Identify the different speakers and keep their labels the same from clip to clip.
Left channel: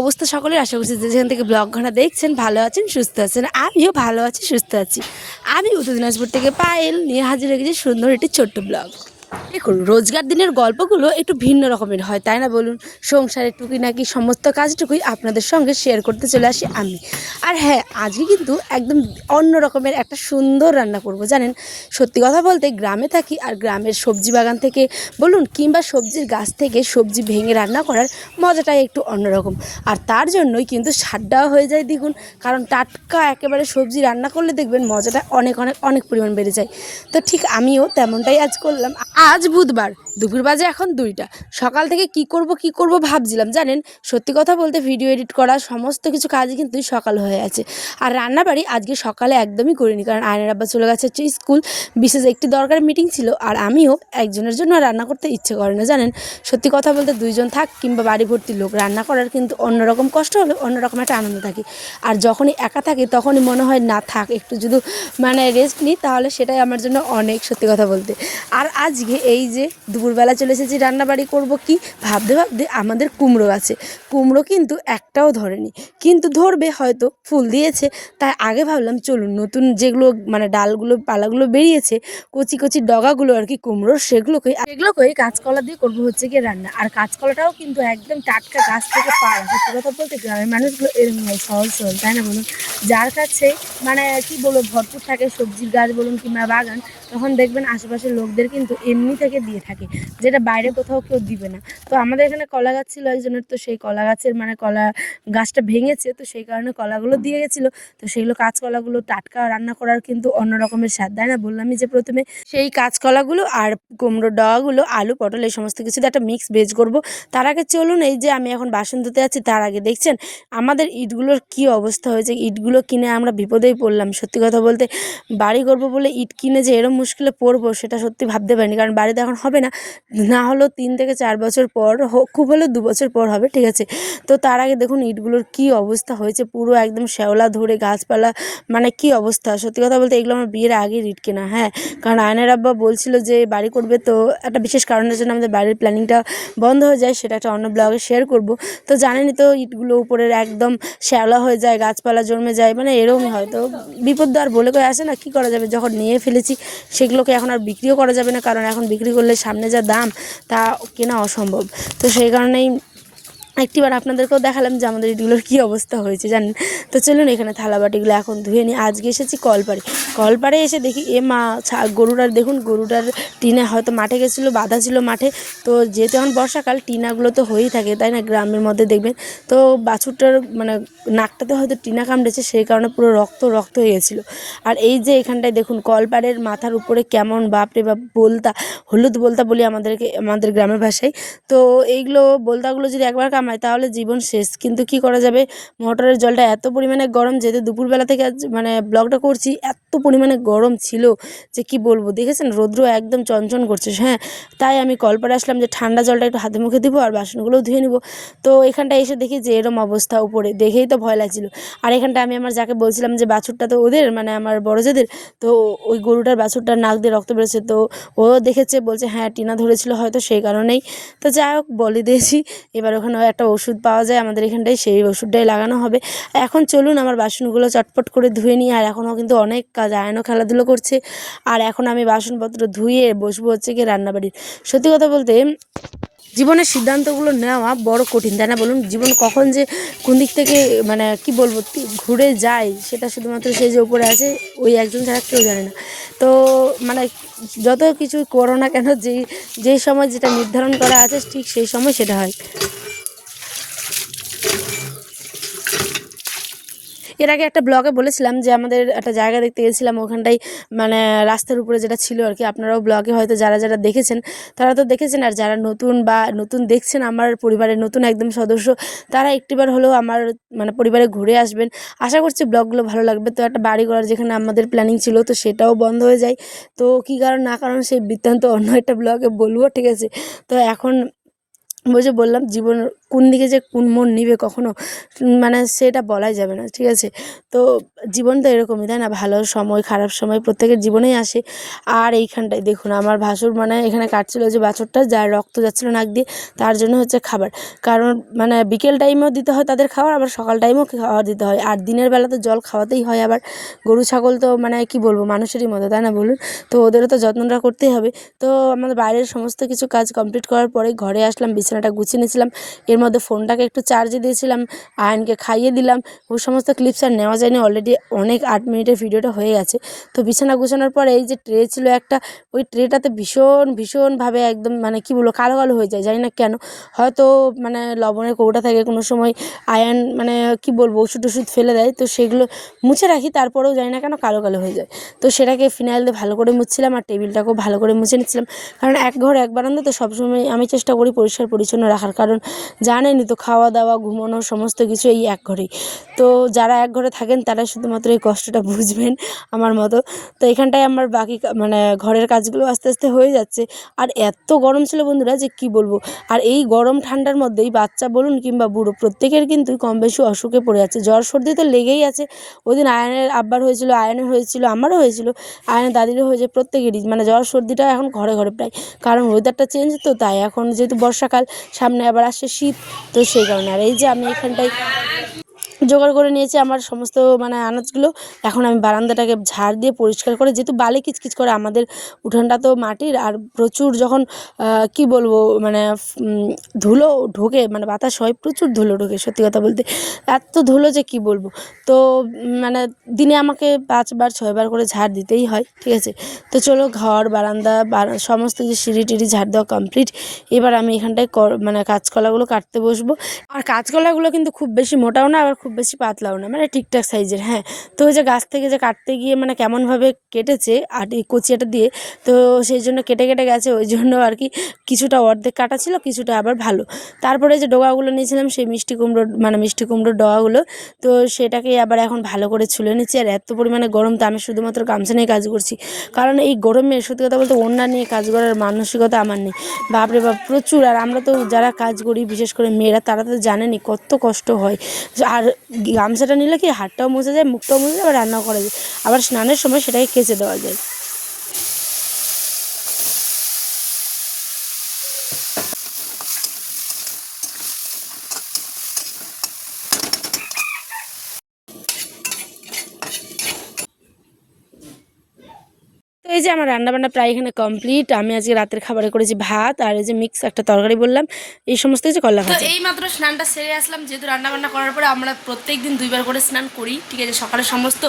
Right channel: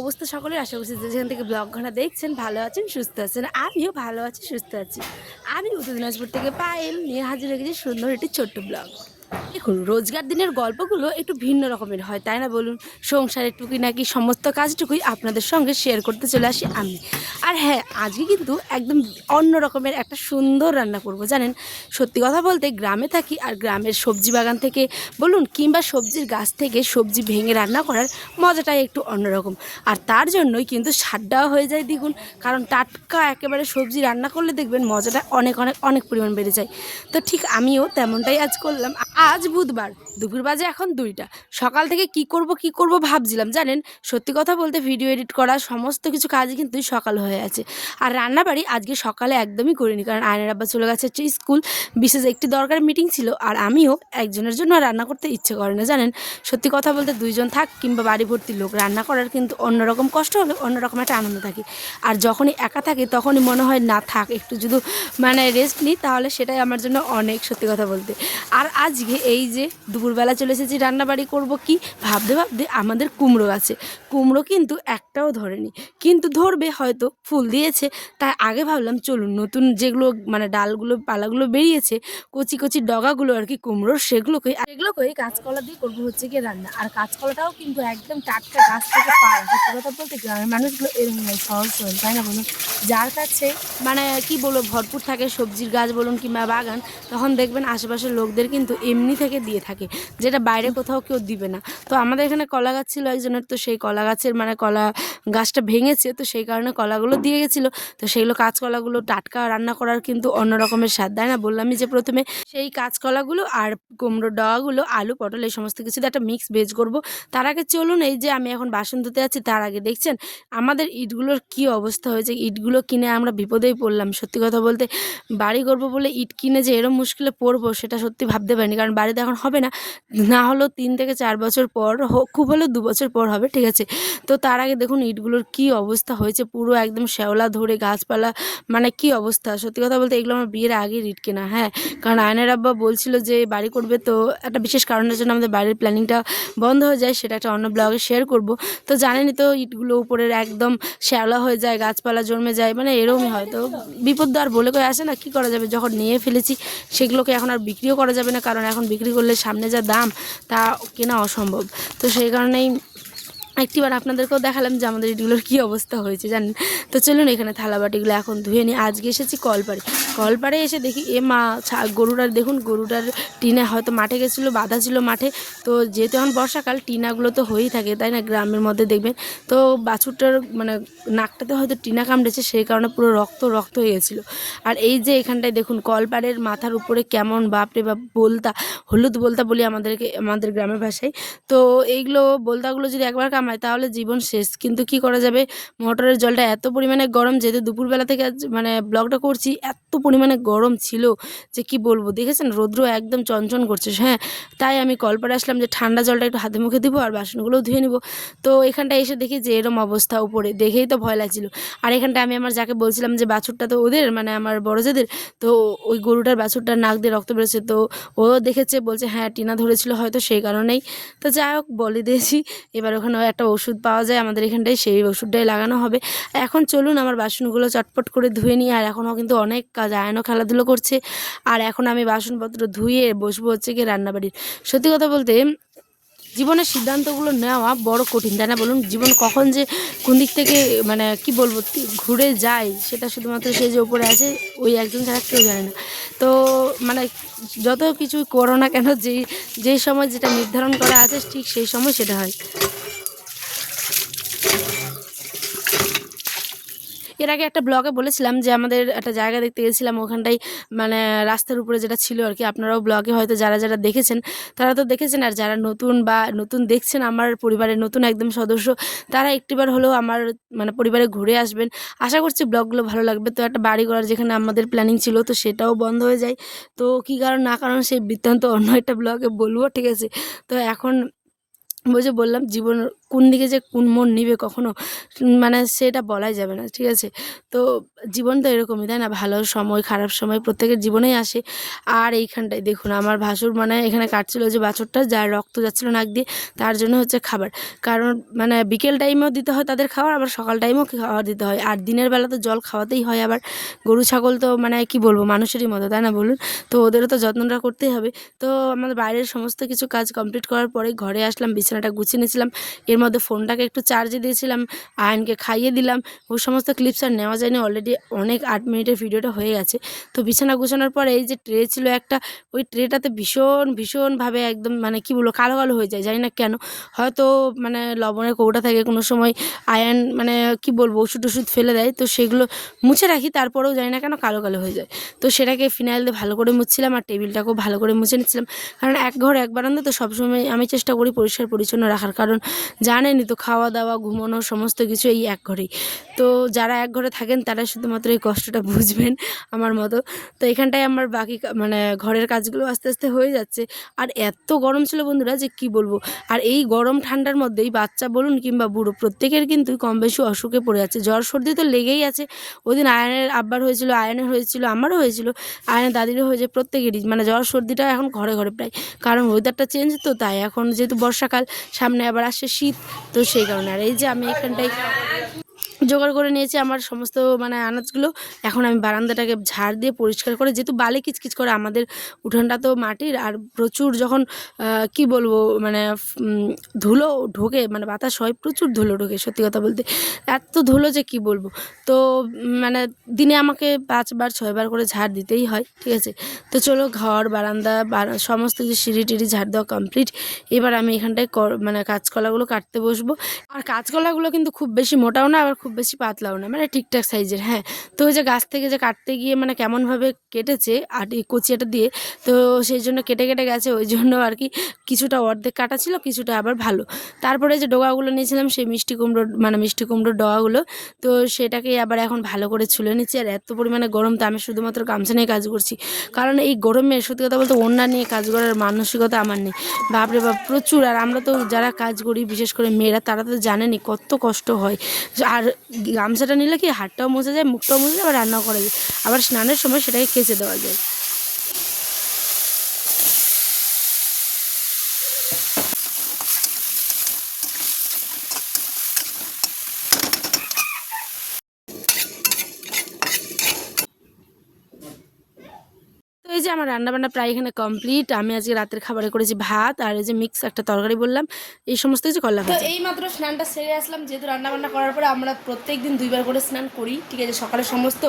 Speaker 1: অবস্থা সকলের? আশা করছি যেখান থেকে ব্লগ ঘানা দেখছেন, ভালো আছেন, সুস্থ আছেন। আমিও ভালো আছি, সুস্থ আছি। আমি উত্তর দিনাজপুর থেকে পায়েল, নিয়ে হাজির রেখেছি সুন্দর একটি ছোট্ট ব্লগ দেখুন, রোজগার দিনের গল্পগুলো একটু ভিন্ন রকমের হয়, তাই না বলুন? সংসারের টুকি নাকি সমস্ত কাজটুকুই আপনাদের সঙ্গে শেয়ার করতে চলে আসি আমি। আর হ্যাঁ আজকে কিন্তু একদম অন্য রকমের একটা সুন্দর রান্না করব, জানেন? সত্যি কথা বলতে গ্রামে থাকি আর গ্রামের সবজি বাগান থেকে বলুন, কিংবা সবজির গাছ থেকে সবজি ভেঙে রান্না করার মজাটাই একটু অন্যরকম আর তার জন্যই কিন্তু স্বাদটাও হয়ে যায় দ্বিগুণ, কারণ টাটকা একেবারে সবজি রান্না করলে দেখবেন মজাটা অনেক অনেক অনেক পরিমাণ বেড়ে যায়। তো ঠিক আমিও তেমনটাই আজ করলাম। আজ বুধবার। দুপুর বাজে এখন দুইটা। সকাল থেকে কি করব কি করব ভাবছিলাম, জানেন? সত্যি কথা বলতে ভিডিও এডিট করা, সমস্ত কিছু কাজই কিন্তু সকাল হয়ে আছে। আর রান্নাবাড়ি আজকে সকালে একদমই করিনি, কারণ আয়নার আব্বা চলে গেছে হচ্ছে স্কুল। বিশেষ একটি দরকারি মিটিং ছিল, আর আমিও একজনের জন্য রান্না করতে ইচ্ছে করে না, জানেন? সত্যি কথা বলতে দুইজন থাক কিংবা বাড়ি ভর্তি লোক, রান্না করার কিন্তু অন্যরকম কষ্ট হলে অন্যরকম একটা আনন্দ থাকে। আর যখনই একা থাকে তখনই মনে হয়, না থাক, একটু যদি মানে রেস্ট নিই, তাহলে সেটাই আমার জন্য অনেক সত্যি কথা বলতে। আর আজকে এই যে দুপুরবেলা চলে এসেছি, রান্নাবাড়ি করব কি? ভাবতে ভাবতে আমাদের কুমড়ো আছে। কুমড়ো কিন্তু একটাও ধরেনি। কিন্তু ধরবে হয়তো, ফুল দিয়েছে। তাই আগে ভাবলাম, চলুন নতুন যেগুলো মানে ডালগুলো, পালাগুলো বেরিয়েছে, কচি কচি ডগাগুলো আর কি কুমড়োর, সেগুলোকে সেগুলোকেই কাঁচকলা দিয়ে করব হচ্ছে কি রান্না। আর কাঁচকলাটাও কিন্তু একদম টাটকা গাছ থেকে পায় কথা বলতে গ্রামের মানুষগুলো এরকম সহজ সহজ তাই না বলুন? যার কাছে মানে কি বলব, ভরপুর থাকে সবজির গাছ বলুন কিংবা বাগান, তখন দেখবেন আশেপাশের লোকদের কিন্তু এমনি থেকে দিয়ে থাকে। যেটা বাইরে কোথাও কেউ দিবে না। তো আমাদের এখানে কলা গাছ ছিল একজনের, তো সেই কলা গাছের মানে কলা গাছটা ভেঙেছে, তো সেই কারণে কলাগুলো দিয়ে গেছিল। তো সেইগুলো কাঁচকলাগুলো টাটকা রান্না করার কিন্তু অন্য রকমের স্বাদ দেয় না? বললামই যে প্রথমে সেই কাঁচকলাগুলো আর কুমড়ো ডগাগুলো, আলু, পটল এই সমস্ত কিছু একটা মিক্স ভেজ করব। তার আগে চলুন এই যে আমি এখন বাসন ধুতে আছি তার আগে দেখছেন আমাদের ইটগুলোর কি অবস্থা হয়েছে? ইটগুলো কিনে আমরা বিপদেই পড়লাম, সত্যি কথা বলতে। বাড়ি করব বলে ইট কিনে যে এরম মুশকিলে পড়ব, সেটা সত্যি ভাবতে পারিনি, কারণ বাড়িতে এখন হবে না। না হলেও তিন থেকে চার বছর পর খুব হলেও দু বছর পর হবে, ঠিক আছে? তো তার আগে দেখুন ইটগুলোর কি অবস্থা হয়েছে, পুরো একদম শ্যাওলা ধরে গাছপালা মানে কি অবস্থা? সত্যি কথা বলতে এগুলো আমার বিয়ের আগে ইট কেনা হ্যাঁ? কারণ আয়নের আব্বা বলছিল যে, বাড়ি করবে তো? একটা বিশেষ কারণের জন্য আমাদের বাড়ির প্ল্যানিংটা বন্ধ হয়ে যায়, সেটা একটা অন্য ব্লগে শেয়ার করব। তো জানেনই তো ইটগুলো উপরের একদম শ্যাওলা হয়ে যায়, গাছপালা জন্মে যায় মানে এরকমই হয়। তো বিপদ আর বলে করে আসে না, কী করা যাবে? যখন নিয়ে ফেলেছি, সেগুলোকে এখন আর বিক্রিও করা যাবে না, কারণ এখন বিক্রি করলে সামনে যা দাম তা কেনা অসম্ভব। তো সেই কারণেই একটিবার আপনাদেরকেও দেখালাম যে আমাদের এগুলোর কী অবস্থা হয়েছে, জানেন? তো চলুন এখানে থালা বাটিগুলো এখন ধুয়ে নিই। আজকে এসেছি কলপাড়ে। কলপাড়ে এসে দেখি, এ মা গরুটার, দেখুন গরুটার টিনে হয়তো মাঠে গেছিল, বাঁধা ছিল মাঠে। তো যেহেতু এখন বর্ষাকাল, টিনাগুলো তো হয়েই থাকে, তাই না? গ্রামের মধ্যে দেখবেন। তো বাছুরটার মানে নাকটাতে হয়তো টিনা কামড়েছে, সেই কারণে পুরো রক্ত রক্ত হয়ে আর এই যে এখানটায় দেখুন, কলপাড়ের মাথার উপরে কেমন বাপরে বাপ, বলতা, হলুদ বলতা বলি আমাদেরকে, আমাদের গ্রামের ভাষায়। তো এইগুলো, বলতাগুলো যদি একবার কামায় তাহলে জীবন শেষ। কিন্তু কি করা যাবে? মোটরের জলটা এত পরিমাণে গরম যেহেতু দুপুরবেলা থেকে মানে ব্লগটা করছি, এত পরিমাণে গরম ছিল যে কি বলব? দেখেছেন? রৌদ্র একদম চঞ্চন করছে। হ্যাঁ তাই আমি কলপারে আসলাম যে ঠান্ডা জলটা একটু হাতে মুখে দিব আর বাসনগুলোও ধুয়ে নিব। তো এখানটা এসে দেখি যে এরম অবস্থা উপরে। দেখেই তো ভয় লাগছিল। আর এখানটা আমি আমার যাকে বলছিলাম যে বাছুরটা তো ওদের মানে আমার বড় যেদের তো ওই গরুটার বাছুরটার নাক দিয়ে রক্ত বেরোচ্ছে। তো ও দেখেছে, বলছে হ্যাঁ টিনা ধরেছিল হয়তো সেই কারণেই। তো যাই হোক, বলে দিয়েছি। এবার ওখানে একটা ওষুধ পাওয়া যায়। আমাদের এখানটায় সেই ওষুধটাই লাগানো হবে। এখন চলুন আমার বাসনগুলো চটপট করে ধুয়ে নিই। আর এখনও কিন্তু অনেক কাজ আয়নও খেলাধুলো করছে। আর এখন আমি বাসনপত্র ধুয়ে বসবো হচ্ছে কি রান্নাবাড়ির। সত্যি কথা বলতে, জীবনের সিদ্ধান্তগুলো নেওয়া বড় কঠিন, তাই না বলুন? জীবন কখন যে কোন দিক থেকে মানে কি বলব ঘুরে যায়, সেটা শুধুমাত্র সে যে উপরে আছে, ওই একজন ছাড়া কেউ জানে না। তো মানে যত কিছু করো না কেন, যেই যেই সময় যেটা নির্ধারণ করা আছে, ঠিক সেই সময় সেটা হয়। এর আগে একটা ব্লগে বলেছিলাম যে আমাদের একটা জায়গা দেখতে গেছিলাম ওখানটাই মানে রাস্তার উপরে যেটা ছিল আর কি, আপনারাও ব্লগে হয়তো যারা যারা দেখেছেন, তারা তো দেখেছেন আর যারা নতুন বা নতুন দেখছেন আমার পরিবারের নতুন একদম সদস্য, তারা একটিবার হলেও আমার মানে পরিবারে ঘুরে আসবেন। আশা করছি ব্লগগুলো ভালো লাগবে। তো একটা বাড়ি করার যেখানে আমাদের প্ল্যানিং ছিল, তো সেটাও বন্ধ হয়ে যায়। তো কী কারণ না কারণ সেই বৃত্তান্ত অন্য একটা ব্লগে বলব, ঠিক আছে? তো এখন যে বললাম, জীবন কোন দিকে যে কোন মন নিবে কখনো মানে সেটা বলাই যাবে না, ঠিক আছে? তো জীবন তো এরকমই, তাই না? ভালো সময়, খারাপ সময় প্রত্যেকের জীবনেই আসে। আর এইখানটায় দেখুন, আমার ভাসুর মানে এখানে কাটছিল যে বাছরটা, যার রক্ত যাচ্ছিল নাক দিয়ে, তার জন্য হচ্ছে খাবার। কারণ মানে বিকেল টাইমেও দিতে হয় তাদের খাবার, আবার সকাল টাইমেও খাবার দিতে হয়। আর দিনের বেলা তো জল খাওয়াতেই হয় আবার। গরু, ছাগল তো মানে কি বলব, মানুষেরই মতো, তাই না বলুন? তো ওদেরও তো যত্নটা করতেই হবে। তো আমাদের বাইরের সমস্ত কিছু কাজ কমপ্লিট করার পরে ঘরে আসলাম, বিছানাটা গুছিয়ে নিয়েছিলাম। এর মধ্যে ফোনটাকে একটু চার্জে দিয়েছিলাম, আয়নকে খাইয়ে দিলাম। ওই সমস্ত ক্লিপস আর নেওয়া যায়নি অলরেডি অনেক আট মিনিটের ভিডিওটা হয়ে গেছে। তো বিছানা গুছানোর পরে এই যে ট্রে ছিল একটা, ওই ট্রেটাতে ভীষণ ভীষণভাবে একদম মানে কি বলব কালো কালো হয়ে যায়, জানি না কেন। হয়তো মানে লবণের কৌটা থাকে কোনো সময়, আয়ন মানে কি বলব, ওষুধ ওষুধ ফেলে দেয়, তো সেগুলো মুছে রাখি, তারপরেও জানি না কেন কালো কালো হয়ে যায়। তো সেটাকে ফিনাইল দিয়ে ভালো করে মুছছিলাম আর টেবিলটাকেও ভালো করে মুছে নিচ্ছিলাম। কারণ এক ঘর, এক বারান্দা, তো সবসময় আমি চেষ্টা করি পরিষ্কার পরিচ্ছন্ন রাখার। কারণ জানেনই তো, খাওয়া দাওয়া, ঘুমানো, সমস্ত কিছু এই এক ঘরেই। তো যারা এক ঘরে থাকেন, তারা শুধুমাত্র এই কষ্টটা বুঝবেন আমার মতো। তো এখানটায় আমার বাকি মানে ঘরের কাজগুলো আস্তে আস্তে হয়ে যাচ্ছে। আর এত গরম ছিল বন্ধুরা যে কি বলব? আর এই গরম ঠান্ডার মধ্যেই বাচ্চা বলুন কিংবা বুড়ো, প্রত্যেকের কিন্তু কম বেশি অসুখে পড়ে যাচ্ছে। জ্বর সর্দি তো লেগেই আছে। ওই দিন আয়নের আব্বার হয়েছিল, আয়নের হয়েছিল, আমারও হয়েছিল, আয়নের দাদিরও হয়েছে, প্রত্যেকেরই। মানে জ্বর সর্দিটা এখন ঘরে ঘরে প্রায়। কারণ ওয়েদারটা চেঞ্জ তো, তাই এখন যেহেতু বর্ষাকাল, সামনে আবার আসছে শীত। তো সেই কারণে। আর এই যে আমি এখানটায় জোগাড় করে নিয়েছি আমার সমস্ত মানে আনাজগুলো। এখন আমি বারান্দাটাকে ঝাড় দিয়ে পরিষ্কার করে, যেহেতু বালি কিচকিচ করে, আমাদের উঠানটা তো মাটির, আর প্রচুর যখন কি বলব মানে ধুলো ঢোকে মানে বাতাস হয়, প্রচুর ধুলো ঢোকে, সত্যি কথা বলতে। এত ধুলো যে কি বলব? তো মানে দিনে আমাকে পাঁচবার, ছয়বার করে ঝাড় দিতেই হয়, ঠিক আছে? তো চলো, ঘর, বারান্দা, বারা- সমস্ত কিছু সিঁড়ি টিড়ি ঝাড় দেওয়া কমপ্লিট এবার আমি এখানটায় মানে কাঁচকলাগুলো কাটতে বসবো। আর কাঁচকলাগুলো কিন্তু খুব বেশি মোটাও না, আবার খুব বেশি পাতলাও না মানে ঠিকঠাক সাইজের হ্যাঁ। তো ওই যে গাছ থেকে যে কাটতে গিয়ে মানে কেমনভাবে কেটেছে, আর এই কচিয়াটা দিয়ে, তো সেই জন্য কেটে কেটে গেছে, ওই জন্য আর কি কিছুটা অর্ধেক কাটা ছিল, কিছুটা আবার ভালো। তারপরে যে ডগাগুলো নিয়েছিলাম, সেই মিষ্টি কুমড়ো মানে মিষ্টি কুমড়োর ডগাগুলো, তো সেটাকে আবার এখন ভালো করে ছুলে নিচ্ছি। আর এত পরিমাণে গরম, তো আমি শুধুমাত্র গামছা নিয়ে কাজ করছি। কারণ এই গরমে, সত্যি কথা বলতে অন্য নিয়ে কাজ করার মানসিকতা আমার নেই। বাপরে বাপ, প্রচুর। আর আমরা তো যারা কাজ করি, বিশেষ করে মেয়েরা, তারা তো জানেনি কত কষ্ট হয়। আর গামছাটা নিলে কি হাতটাও মুছে যায়, মুখটাও মুছে যায়, আবার রান্নাও করা যায়। আবার স্নানের সময় সেটাই কেচে দেওয়া যায়। এই যে আমার রান্নাবান্না প্রায় এখানে কমপ্লিট আমি আজকে রাতের খাবারে করেছি ভাত আর এই যে মিক্স একটা তরকারি বললাম এই সমস্ত কিছু করলাম তো এই মাত্র স্নানটা সেরে আসলাম যেহেতু রান্নাবান্না করার পরে আমরা প্রত্যেক দিন দুইবার করে স্নান করি ঠিক আছে? সকালে সমস্ত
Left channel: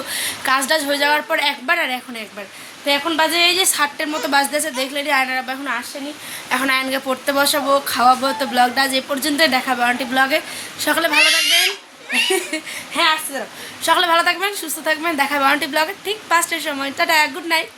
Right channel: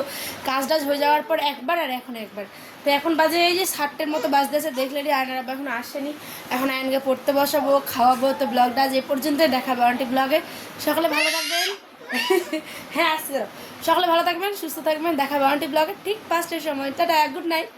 Speaker 1: কাজ টাজ হয়ে যাওয়ার পর একবার আর এখন একবার। তো এখন বাজে এই যে সাতটের মতো বাজতেছে দেখলে আয়নার আব্বা এখন আসেনি। এখন আয়নকে পড়তে বসাবো খাওয়াবো তো ব্লগটা আজ এ পর্যন্তই দেখাবো আন্টি ব্লগে সকালে ভালো থাকবেন। হ্যাঁ আসতে সকালে ভালো থাকবেন সুস্থ থাকবেন দেখাবো আন্টি ব্লগে ঠিক পাঁচটার সময়। Tata good night